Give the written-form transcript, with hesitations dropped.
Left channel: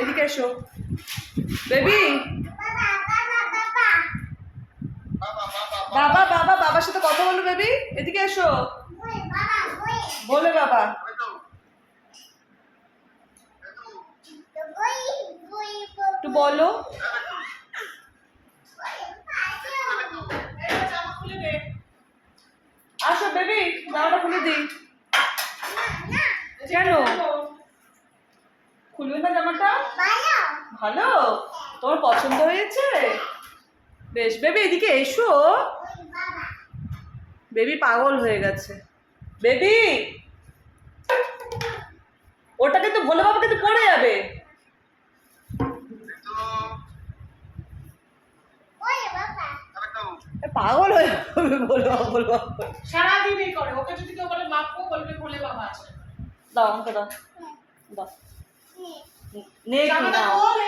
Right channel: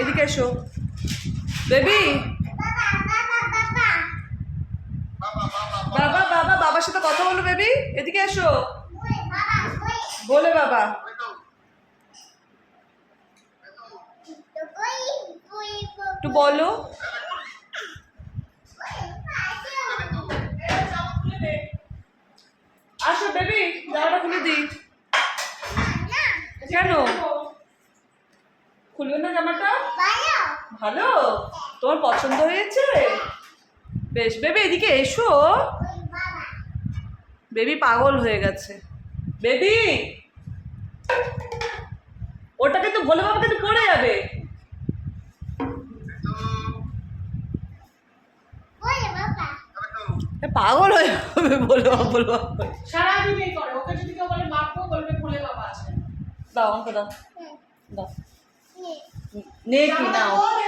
এদিকে এসো বেবি। বাবা বাবা বাবার সাথে কথা বলো বেবি, এদিকে এসো। বলে বাবা। একটু বলো। আসো বেবি, জামাটা খুলে দিই। কেন খুলবে না জামাটা? ভালো, তোমার পছন্দ হয়েছে? বেশ বেবি এদিকে এসো। বেবি পাগল হয়ে গেছে। বেবি ওটা কিন্তু বলে বাবা কিন্তু পড়ে যাবে। পাগল হয়ে যাবে বলবো বলবো। সারাদিন এই করে, ওকে যদি কেউ বলে মাপো বলবে ভোলে বাবা আছে। দাও আমাকে দাও। দাও নে কি জামাটা নাও। খোল,